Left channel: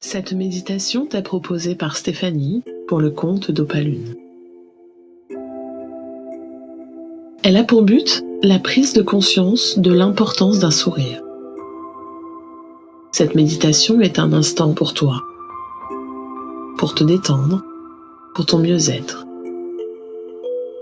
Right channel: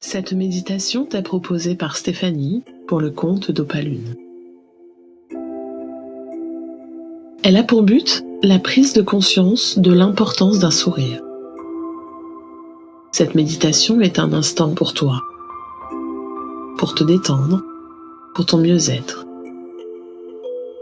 Cette méditation t'est proposée par Stéphanie pour le compte d'Opalune. Elle a pour but la prise de conscience de l'importance d'un sourire. Cette méditation est un instant pour toi, pour te détendre, pour ton mieux-être.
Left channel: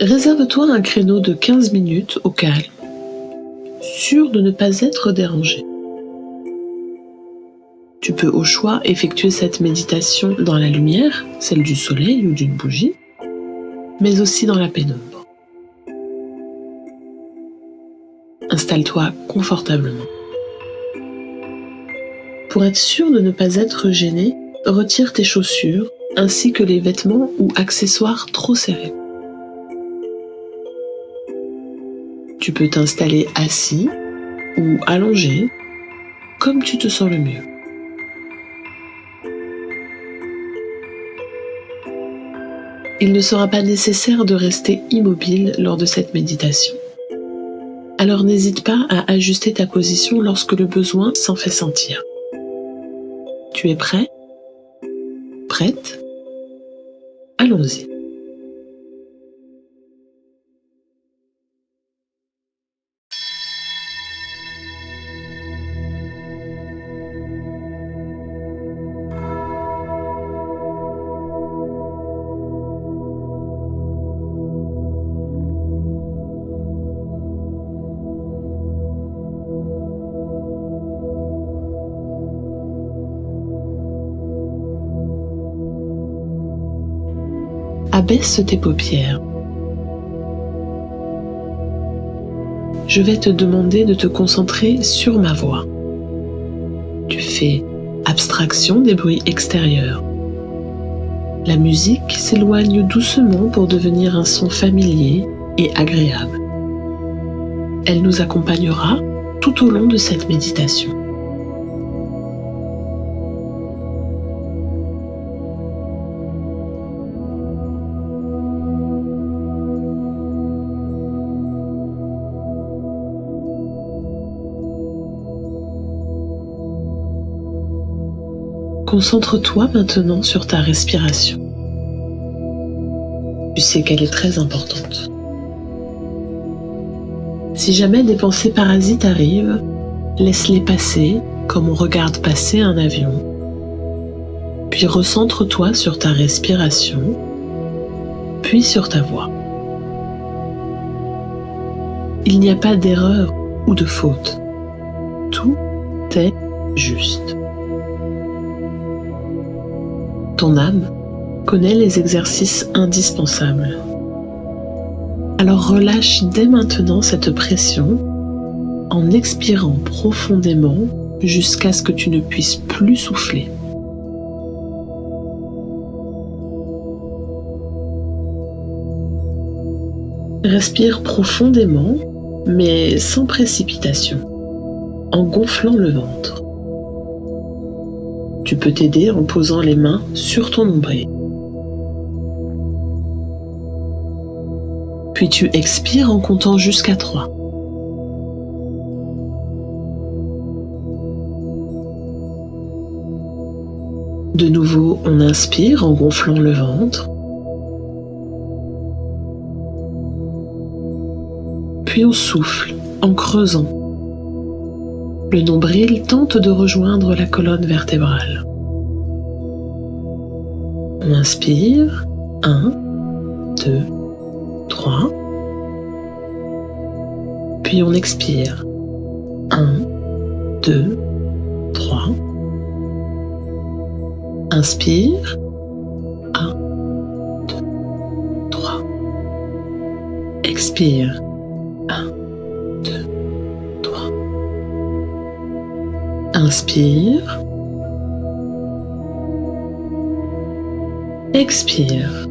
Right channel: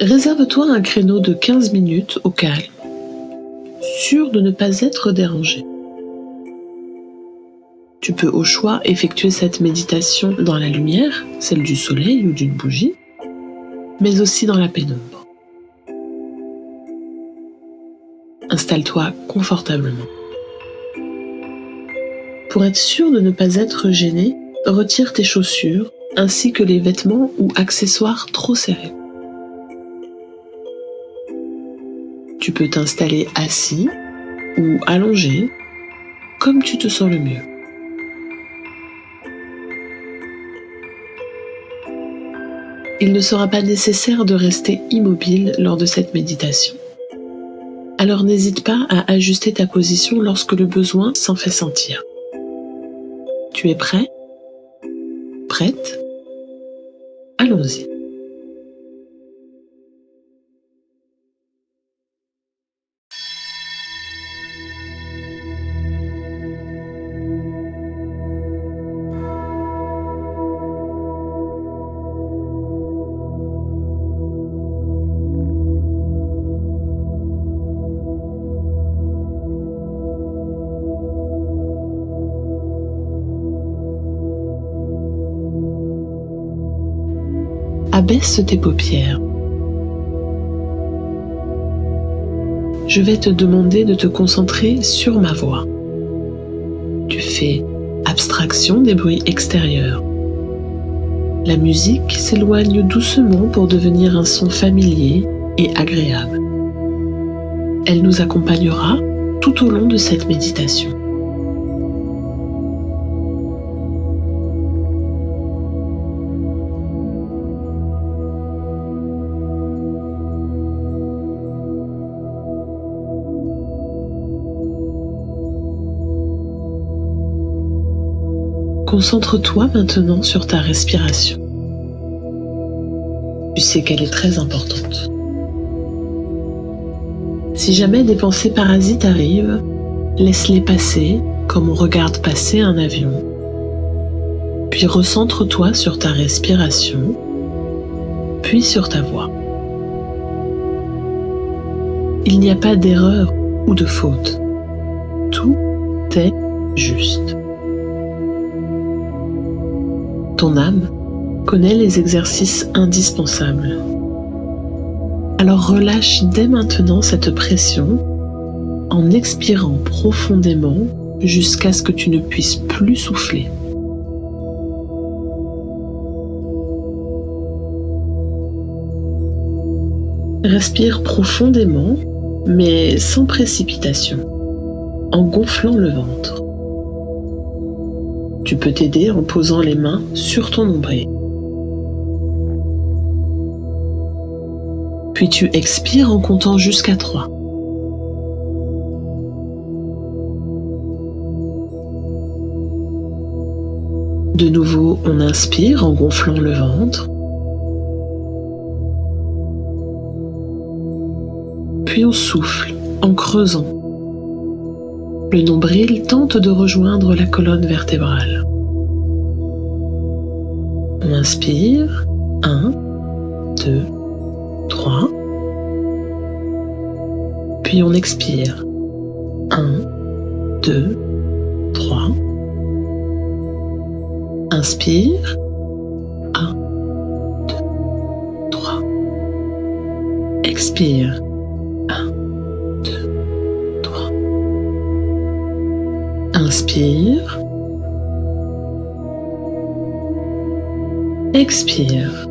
Réserve-toi un créneau de 15 minutes au calme, sûr de ne pas être dérangé. Tu peux au choix effectuer cette méditation dans la lumière, celle du soleil ou d'une bougie, mais aussi dans la pénombre. Installe-toi confortablement. Pour être sûr de ne pas être gêné, retire tes chaussures ainsi que les vêtements ou accessoires trop serrés. Tu peux t'installer assis ou allongé, comme tu te sens le mieux. Il ne sera pas nécessaire de rester immobile lors de cette méditation. Alors n'hésite pas à ajuster ta position lorsque le besoin s'en fait sentir. Tu es prêt? Prête? Allons-y. Abaisse tes paupières. Je vais te demander de te concentrer sur ma voix. Tu fais abstraction des bruits extérieurs. La musique s'éloigne doucement pour devenir un son familier et agréable. Elle nous accompagnera tout au long de cette méditation. Concentre-toi maintenant sur ta respiration. Tu sais qu'elle est très importante. Si jamais des pensées parasites arrivent, laisse-les passer comme on regarde passer un avion. Puis recentre-toi sur ta respiration, puis sur ta voix. Il n'y a pas d'erreur ou de faute. Tout est juste. Ton âme connaît les exercices indispensables. Alors relâche dès maintenant cette pression en expirant profondément jusqu'à ce que tu ne puisses plus souffler. Respire profondément, mais sans précipitation, en gonflant le ventre. Tu peux t'aider en posant les mains sur ton nombril. Puis tu expires en comptant jusqu'à 3. De nouveau, on inspire en gonflant le ventre. Puis on souffle en creusant. Le nombril tente de rejoindre la colonne vertébrale. On inspire, 1, 2, 3. Puis on expire, 1, 2, 3. Inspire, 1, 2, 3. Expire, 1, 2, 3. Inspire. Expire.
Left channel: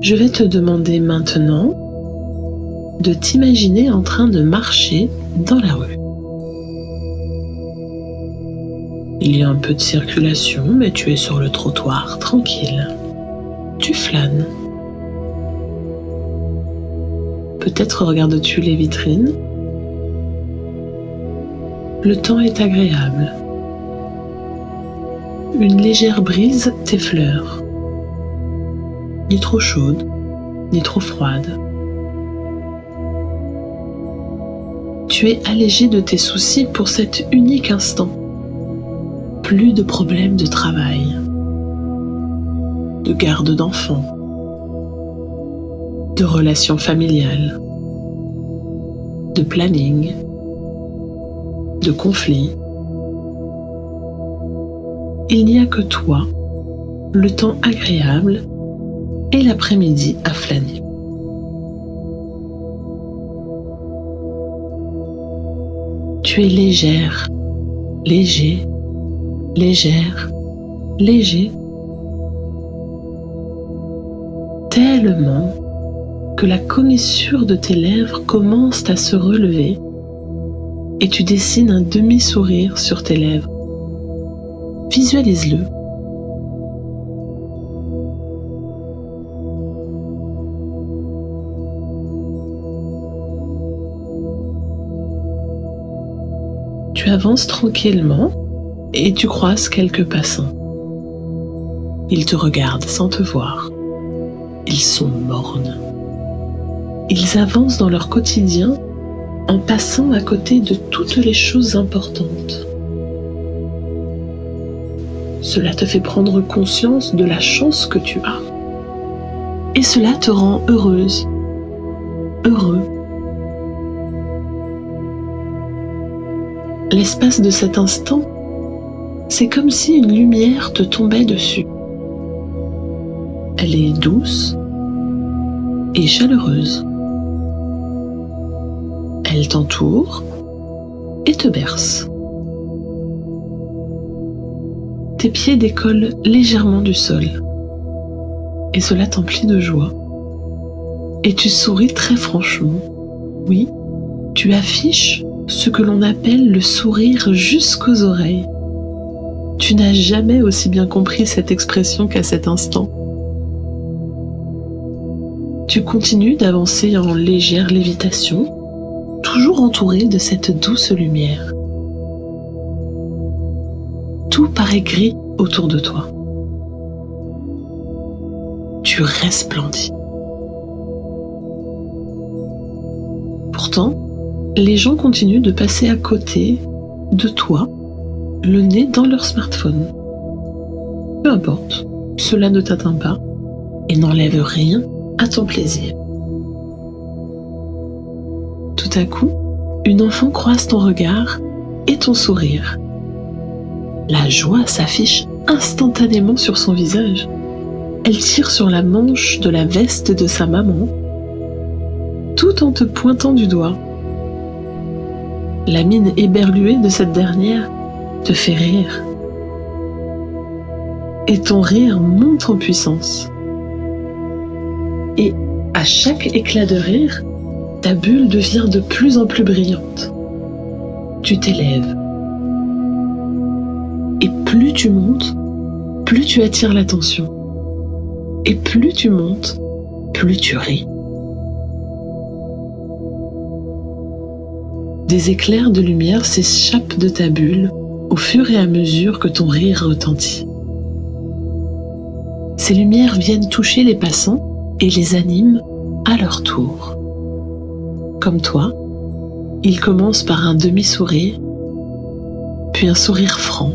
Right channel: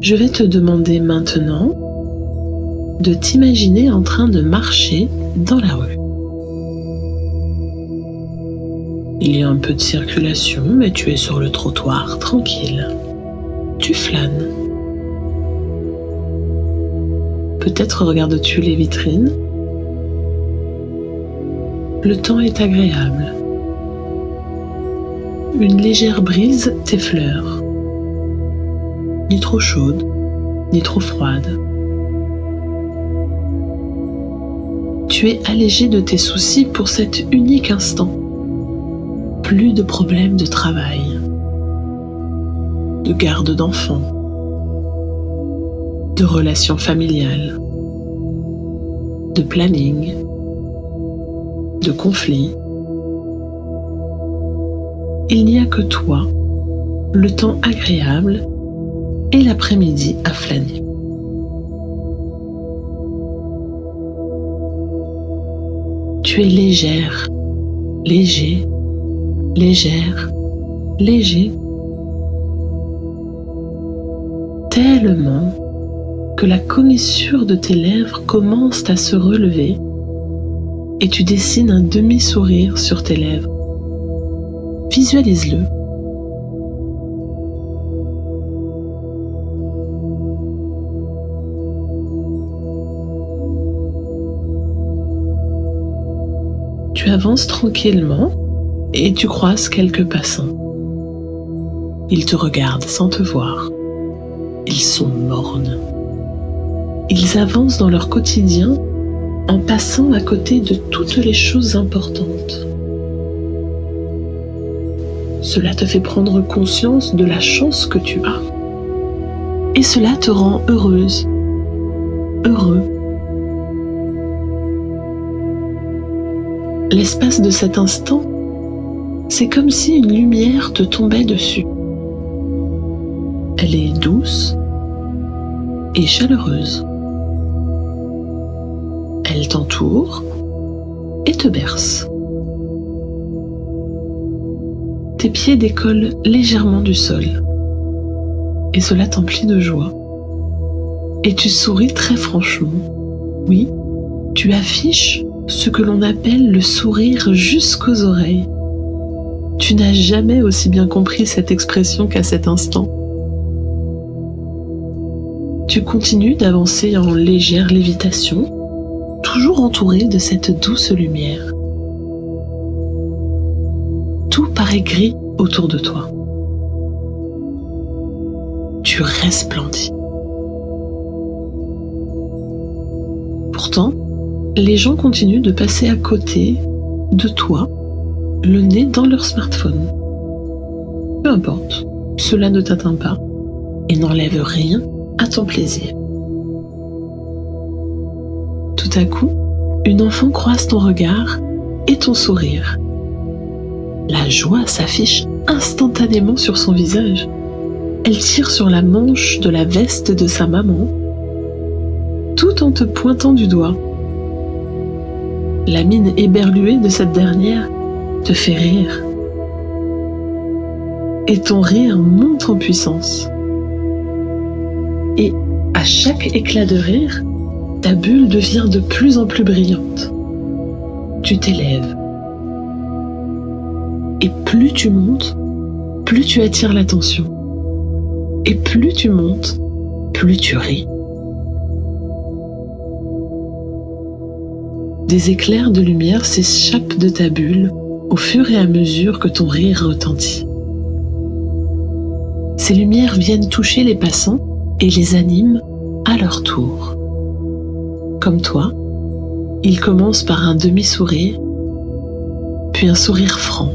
Je vais te demander maintenant de t'imaginer en train de marcher dans la rue. Il y a un peu de circulation, mais tu es sur le trottoir, tranquille. Tu flânes. Peut-être regardes-tu les vitrines. Le temps est agréable. Une légère brise t'effleure. Ni trop chaude, ni trop froide. Tu es allégé de tes soucis pour cet unique instant. Plus de problèmes de travail, de garde d'enfants, de relations familiales, de planning, de conflits. Il n'y a que toi, le temps agréable et l'après-midi à flâner. Tu es légère, léger, légère, léger, tellement que la commissure de tes lèvres commence à se relever et tu dessines un demi-sourire sur tes lèvres. Visualise-le. Tu avances tranquillement et tu croises quelques passants. Ils te regardent sans te voir. Ils sont mornes. Ils avancent dans leur quotidien en passant à côté de toutes les choses importantes. Cela te fait prendre conscience de la chance que tu as. Et cela te rend heureuse, heureux. L'espace de cet instant, c'est comme si une lumière te tombait dessus. Elle est douce et chaleureuse. Elle t'entoure et te berce. Tes pieds décollent légèrement du sol et cela t'emplit de joie. Et tu souris très franchement. Oui, tu affiches ce que l'on appelle le sourire jusqu'aux oreilles. Tu n'as jamais aussi bien compris cette expression qu'à cet instant. Tu continues d'avancer en légère lévitation, toujours entouré de cette douce lumière. Tout paraît gris autour de toi. Tu resplendis. Pourtant, les gens continuent de passer à côté de toi, le nez dans leur smartphone. Peu importe, cela ne t'atteint pas et n'enlève rien à ton plaisir. Tout à coup, une enfant croise ton regard et ton sourire. La joie s'affiche instantanément sur son visage. Elle tire sur la manche de la veste de sa maman, tout en te pointant du doigt. La mine éberluée de cette dernière te fait rire. Et ton rire monte en puissance. Et à chaque éclat de rire, ta bulle devient de plus en plus brillante. Tu t'élèves. Et plus tu montes, plus tu attires l'attention. Et plus tu montes, plus tu ris. Des éclairs de lumière s'échappent de ta bulle au fur et à mesure que ton rire retentit. Ces lumières viennent toucher les passants et les animent à leur tour. Comme toi, ils commencent par un demi-sourire, puis un sourire franc.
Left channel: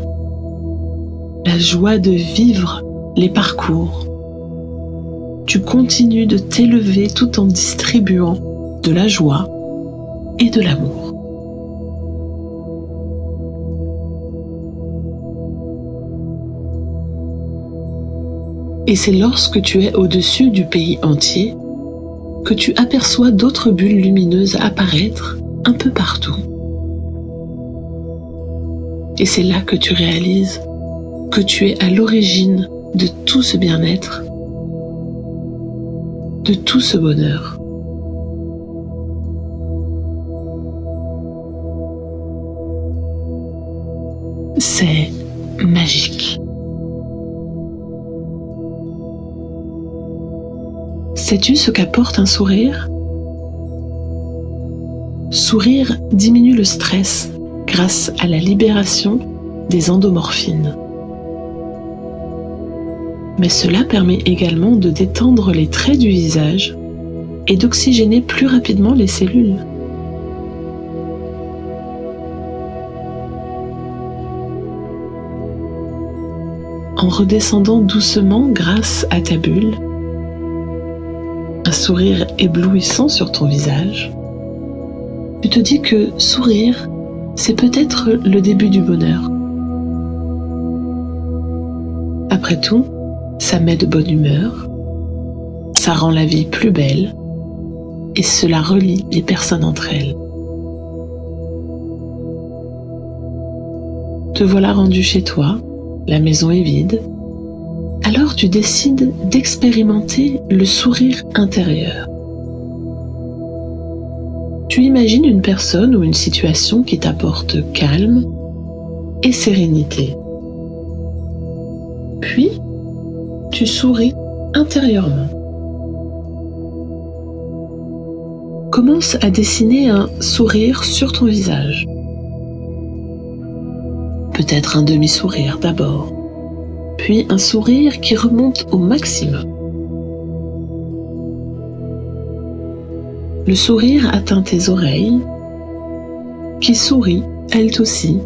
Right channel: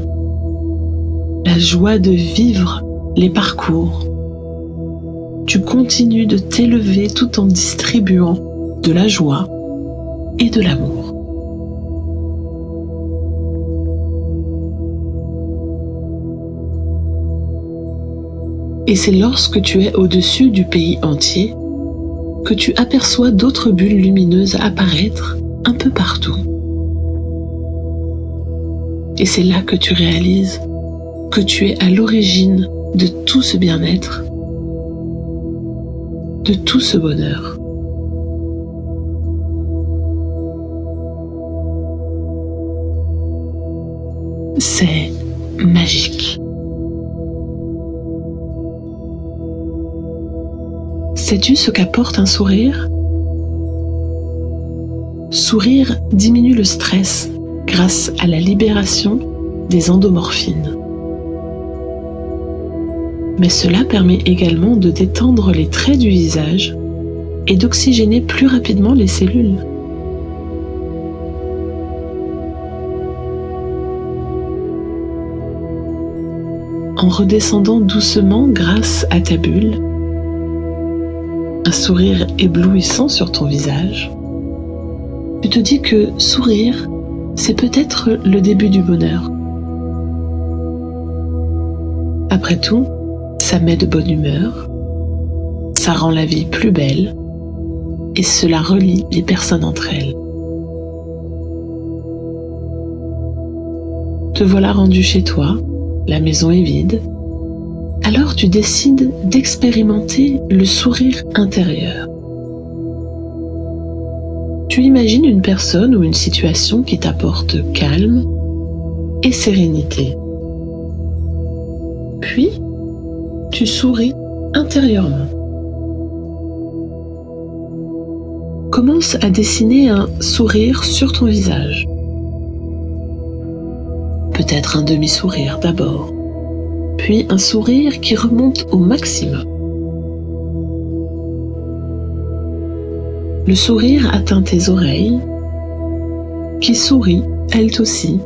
La joie de vivre les parcours. Tu continues de t'élever tout en distribuant de la joie et de l'amour. Et c'est lorsque tu es au-dessus du pays entier que tu aperçois d'autres bulles lumineuses apparaître un peu partout. Et c'est là que tu réalises que tu es à l'origine de tout ce bien-être, de tout ce bonheur. C'est magique. Sais-tu ce qu'apporte un sourire ? Sourire diminue le stress grâce à la libération des endomorphines. Mais cela permet également de détendre les traits du visage et d'oxygéner plus rapidement les cellules. En redescendant doucement grâce à ta bulle, un sourire éblouissant sur ton visage, tu te dis que sourire, c'est peut-être le début du bonheur. Après tout, ça met de bonne humeur, ça rend la vie plus belle et cela relie les personnes entre elles. Te voilà rendu chez toi, la maison est vide, alors tu décides d'expérimenter le sourire intérieur. Tu imagines une personne ou une situation qui t'apporte calme et sérénité. Puis, tu souris intérieurement. Commence à dessiner un sourire sur ton visage. Peut-être un demi-sourire d'abord, puis un sourire qui remonte au maximum. Le sourire atteint tes oreilles, qui sourient, elles aussi,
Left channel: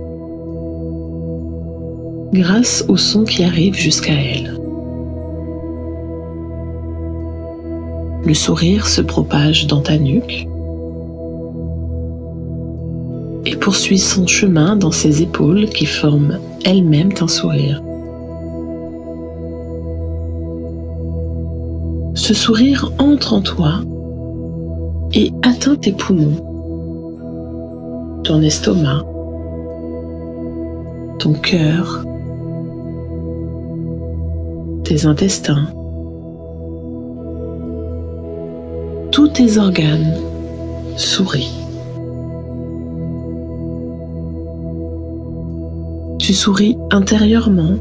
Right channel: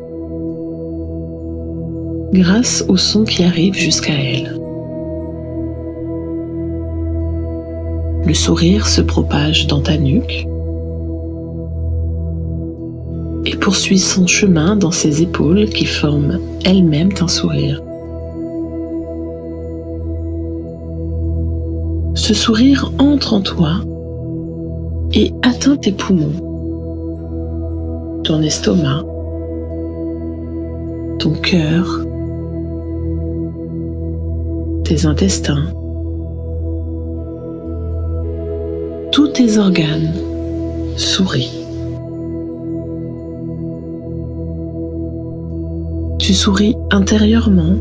grâce au son qui arrive jusqu'à elles. Le sourire se propage dans ta nuque et poursuit son chemin dans ses épaules qui forment elles-mêmes un sourire. Ce sourire entre en toi et atteint tes poumons, ton estomac, ton cœur, tes intestins, tous tes organes sourient. Tu souris intérieurement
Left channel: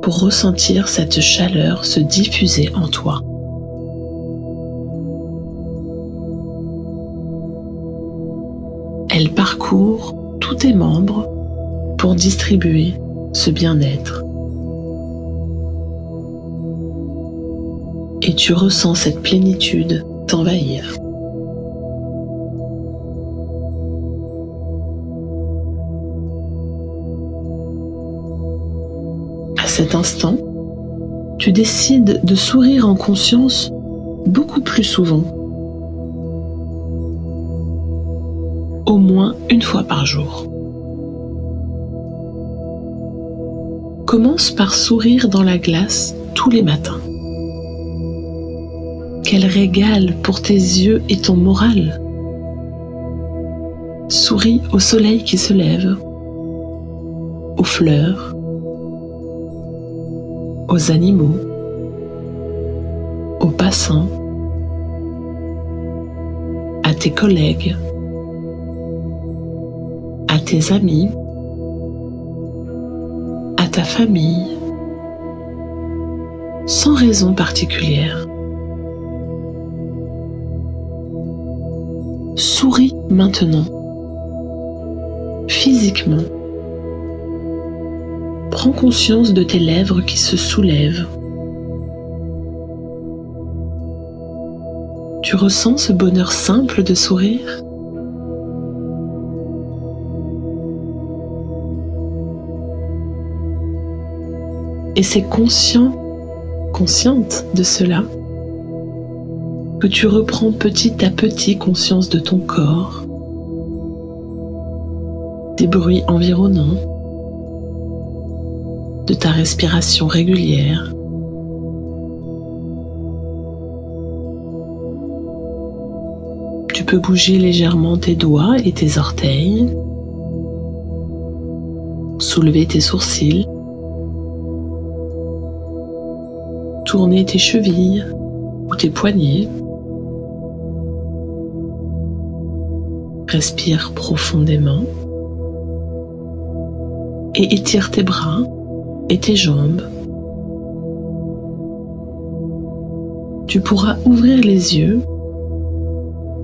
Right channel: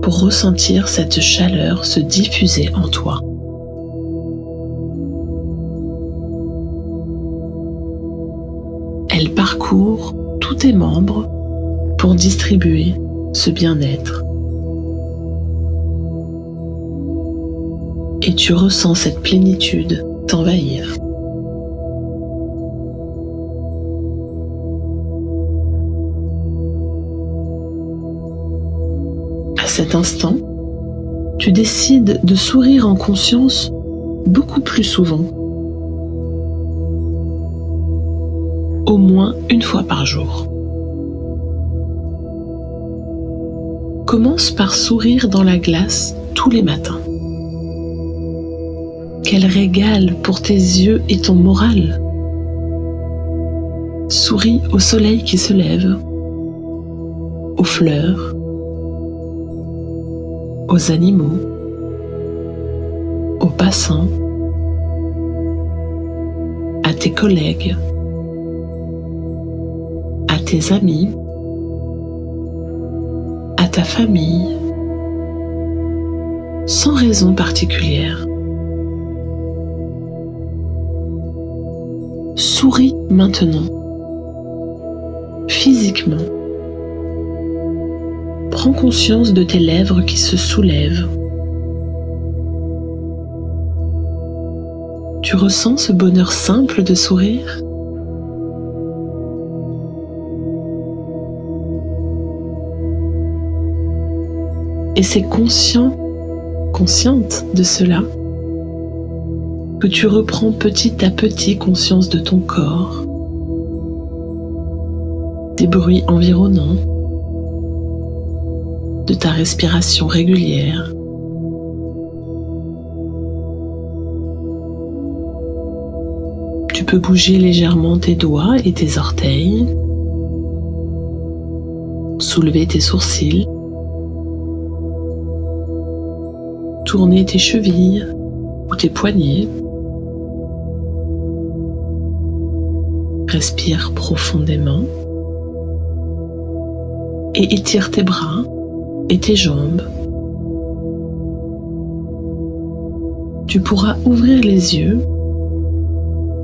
pour ressentir cette chaleur se diffuser en toi. Elle parcourt tous tes membres pour distribuer ce bien-être. Et tu ressens cette plénitude t'envahir. À cet instant, tu décides de sourire en conscience beaucoup plus souvent. Au moins une fois par jour. Commence par sourire dans la glace tous les matins. Quel régal pour tes yeux et ton moral. Souris au soleil qui se lève, aux fleurs, aux animaux, aux passants, à tes collègues, à tes amis, à ta famille, sans raison particulière. Souris maintenant, physiquement. Prends conscience de tes lèvres qui se soulèvent. Tu ressens ce bonheur simple de sourire ? Et c'est consciente de cela, que tu reprends petit à petit conscience de ton corps, des bruits environnants, de ta respiration régulière. Tu peux bouger légèrement tes doigts et tes orteils, soulever tes sourcils, tourner tes chevilles ou tes poignets. Respire profondément et étire tes bras et tes jambes. Tu pourras ouvrir les yeux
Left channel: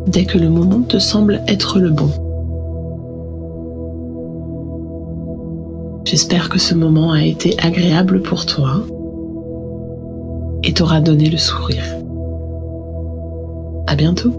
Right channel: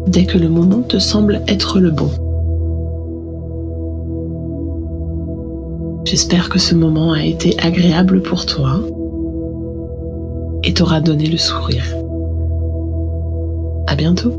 dès que le moment te semble être le bon. J'espère que ce moment a été agréable pour toi et t'aura donné le sourire. À bientôt.